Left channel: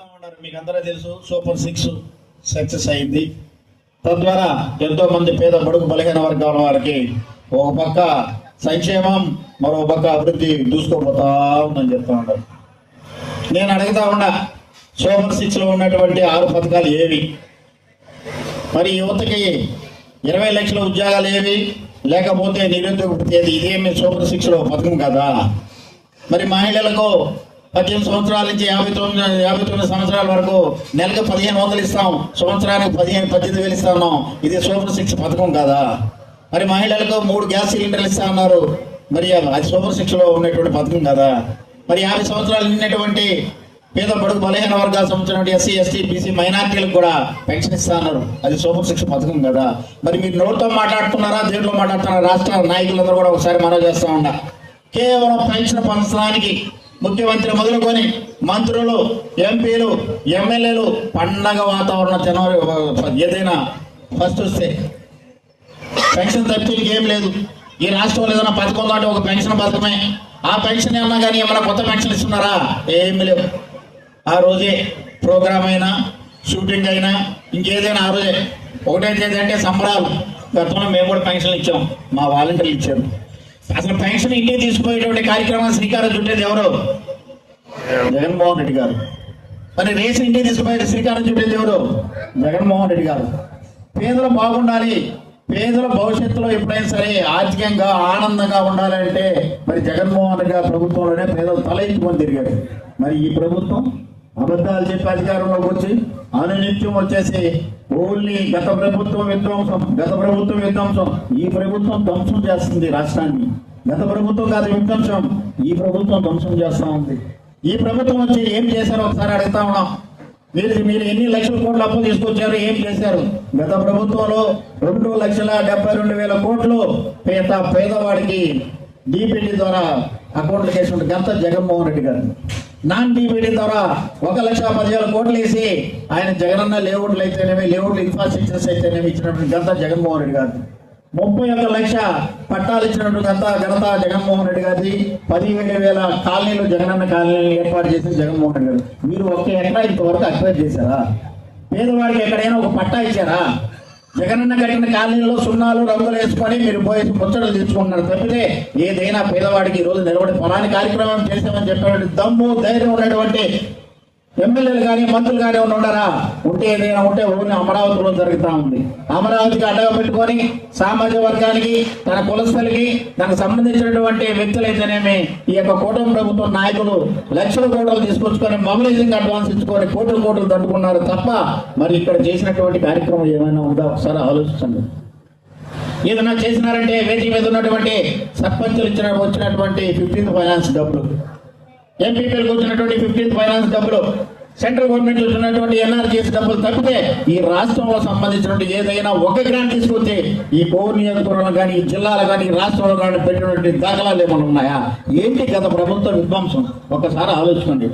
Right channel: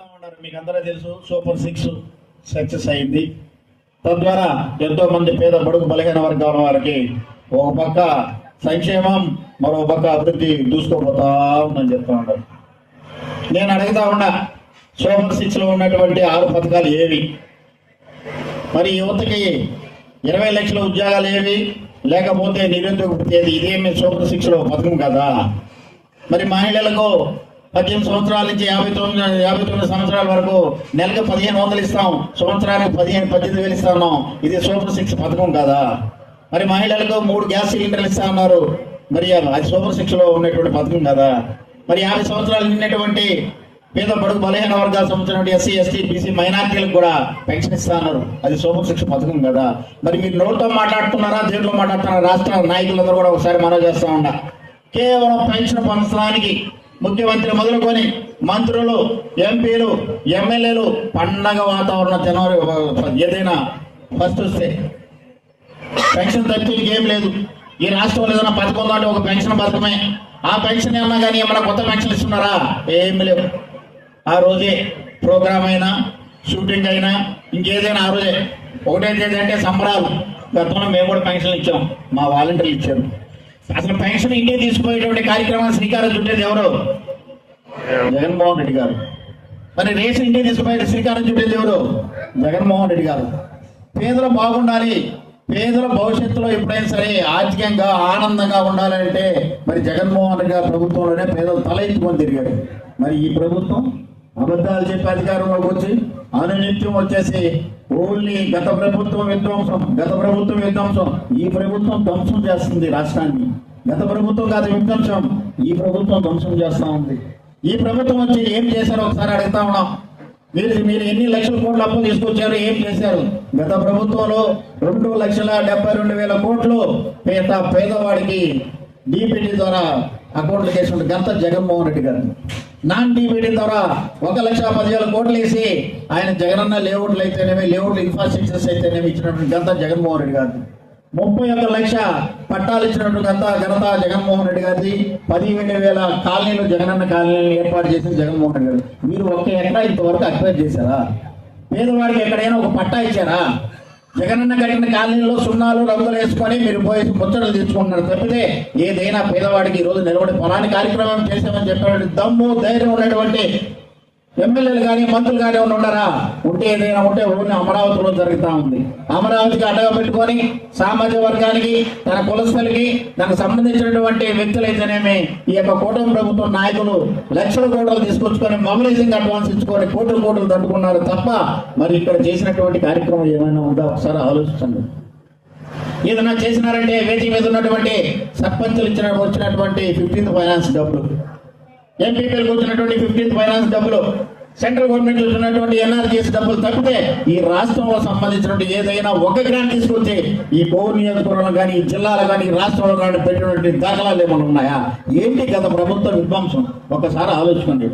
చెప్తా ఉన్నారు. మీకు అందరూ తెలుసు, సూపర్ 6 సక్సెస్ అయింది. తద్వారా ఎంతో మంది పేద బడుగు బలహీన వర్గాల వారికి ఒక పక్క సంక్షేమం, మరో పక్క అభివృద్ధి దూసుకోపోతా ఉందని చెప్తా ఉంటారు. నేను అడుగుతా ఉన్నా, సూపర్ 6లో ఉన్నటువంటి 6 పథకాలు ఏవి? మరి యువతకి 20 లక్షల ఉద్యోగాలు ఏవి? లేకపోతే నిరుద్యోగ వృత్తి ఏది? ఇదేమి సూపర్ 6లో పథకం కదా. మరి మహిళలకు 18 సంవత్సరాల నుంచి 59 సంవత్సరాల వరకు నెలకు 1500 ఇస్తాం, సంవత్సరానికి 18,000 ఇస్తా ఉన్నాం. ఇది సూపర్ 6 పథకం కదా. మరి మహిళలకు 3 గ్యాస్ సిలిండర్లు ఇస్తా ఉన్నారు. మరి అది సూపర్ 6లో ఉన్నటువంటి పథకం కదా. మరి 50 సంవత్సరాలు నిన్నటువంటి పేద బడుగు బలహీన వర్గాలకు సంబంధించినటువంటి ఎస్సీ, ఎస్టీ, బీసీ మైనార్టీలకు కూడా పెన్షన్ ఇస్తా ఉన్నారు. అది సూపర్ 6 పథకం కదా. మరి మీరు నోట్తో మాట్లాడుతున్నారా, దేంట్లో మాట్లాడుతున్నారా? రాష్ట్ర నాయకులందరూ కూడా ఒకసారి మనవి చేస్తా ఉన్నా. కేవలం పెన్షన్ పంచడానికి ముఖ్యమంత్రి మొదలుకొని మంత్రులు, ఎంపీలు, ఎమ్మెల్యేలు పండగ వాతావరణం జనవరి ఏదైనా ఫస్ట్ వస్తే పెన్షన్ తప్పికి ఏం లేదు. ఈ రాష్ట్రంలో ఏదైనా పథకం ఉందంటే ఒక పెన్షన్ పథకమే. ఆ పెన్షన్ ఏమన్నా కానీ ఏమైనా కొత్త పెన్షన్ ఇస్తున్నారా? ఏమి లేవు. ఆ రోజే ప్రోగ్రామ్ అయినా, షూటింగ్ అయినా, ఇంకేదైనా ఆ రోజే. ఒకటే తేదీ అంటే సంబరాలు. గతంలో మేము కూడా పెన్షన్లు ఇచ్చాం, మా వాలంటీర్లు ఇచ్చారు. అసలు పెన్షన్ ఇంటికి తీసుకుపోయేటువంటి కార్యక్రమాలు శ్రీకారం చుట్టేది ఎవరు? జగన్మోహన్ రెడ్డి గారు. మరి రేషన్ ఇంటికి తీసుకుపోయే శ్రీకారం చుట్టేది ఎవరు? జగన్మోహన్ రెడ్డి గారు. పేదలు బాగుండాలి, పేదల భవిష్యత్తులో ఎప్పుడైనా సరే ఆర్థికంగా ఆనందంగా ఉండాలంటే మరి జగన్మోహన్ రెడ్డి గారి ప్రభుత్వంలోనే పేదలు తల ఎత్తుకొని తిరిగాడు. మరి ఈ ప్రభుత్వం అబద్ధాలు చెప్పి అధికారంలోకి వచ్చి అనునిత్యం వచ్చేసి ఓన్లీ గత ప్రభుత్వం విధ్వంసం, ఈ ప్రభుత్వం ధ్వంసం చేస్తుంది రాష్ట్రాన్ని. గత ప్రభుత్వం కాదు విధ్వంసం, ఈ ప్రభుత్వం ధ్వంసం చేస్తా ఉంది. ఈ ప్రభుత్వం వచ్చి ఏం చేశారో ఒకసారి అడుగుతా ఉన్నాం. మీరు ఎన్ని లక్షల కోట్ల అప్పు తీసుకొచ్చారు, ఏం చేశారు? గత ప్రభుత్వంలో 2,72,000 కోట్లు పేదవాడికి డీబీటీ ద్వారా అకౌంట్లు చేసిన గత జగన్మోహన్ రెడ్డి గారు. నాన్ డీబీటీ ద్వారా 1,10,000 కోట్లు వేసి ఆయన జగనన్న లేఅవుట్లు అయితేనేమి, లేఅవుట్లు ఇన్ఫ్రాస్ట్రక్చర్స్ అయితేనేమి ఇచ్చినటువంటి గత జగన్మోహన్ రెడ్డి గారిది. 31 లక్ష పట్టాలు ఇచ్చినటువంటి ఘనత జగన్మోహన్ రెడ్డి గారిది. 17,000 కాలనీలు జగనన్న కాలనీలు ఏర్పాటు చేసిన జగన్మోహన్ రెడ్డి గారు. మీరు ఒక్క ఎకరా ఇంతవరకు అక్వైర్ చేశారా? పేదవాడికి ఎక్కడైనా ఒక పట్టా ఇచ్చారా? జగనన్న కట్టిన కాలనీలో సున్నాలు రంగులు వేసుకొని మీరు పోయి ముచ్చటలు తీసుకుంటున్నారు తప్పితే ఏదైనా పేదవాడికి ఈ రోజు నిలబడి ఫలాని కార్యక్రమం చేశామని చెప్పినటువంటి దమ్ము, ధైర్యం ఉన్నటువంటి ఎమ్మెల్యేలు కానీ మంత్రులు కానీ ఉండరా? ఉంటే ఏదైనా ఉంటే ఊరిని అమరావతిలో జరుగుతూ ఉంది. అమరావతికి అడ్డగా పెట్టుకొని సామాజిక వర్గానికి, తన కులస్తులకి, తనకు సంబంధించినటువంటి వ్యక్తులైతేనేమి ఈ యొక్క కూటమి ప్రభుత్వం నాయకులు లక్షల కోట్లు తీసుకొచ్చుకొని మొబిలైజింగ్ అడ్వాన్స్ ఇచ్చుకొని కోట్లు తట్టుకున్నారు తప్ప మరి ఇక్కడ చేసినటువంటి కార్యక్రమం ఏమైనా ఉందా? ఒకసారి ఆలోచించండి. ఏదైనా చేసినారంటే వేటి మీద ఉన్నటువంటి సర్పంచులు వచ్చినటువంటి 15th ఫైనాన్స్ డబ్బులు, ఎంపీపీలకు వచ్చినటువంటి 15th ఫైనాన్స్ డబ్బులు, సెంట్రల్ గవర్నమెంట్ వచ్చినటువంటి ఎన్ఆర్జీఎస్ డబ్బులు తప్పితే ఈ రాష్ట్రంలో సంబంధించినటువంటి ఏదైనా ఒక గ్రాంట్ తీసుకొచ్చి ఈ పౌర నియోజకవర్గంలో కానీ, ఈ జిల్లాలో కానీ, రాష్ట్రంలో కానీ పెట్టినటువంటి దాఖలాలు ఏమైనా ఉన్నాయా? ఏంటి గత ప్రభుత్వ విధ్వంసం? ఒకసారి ఆలోచించండి.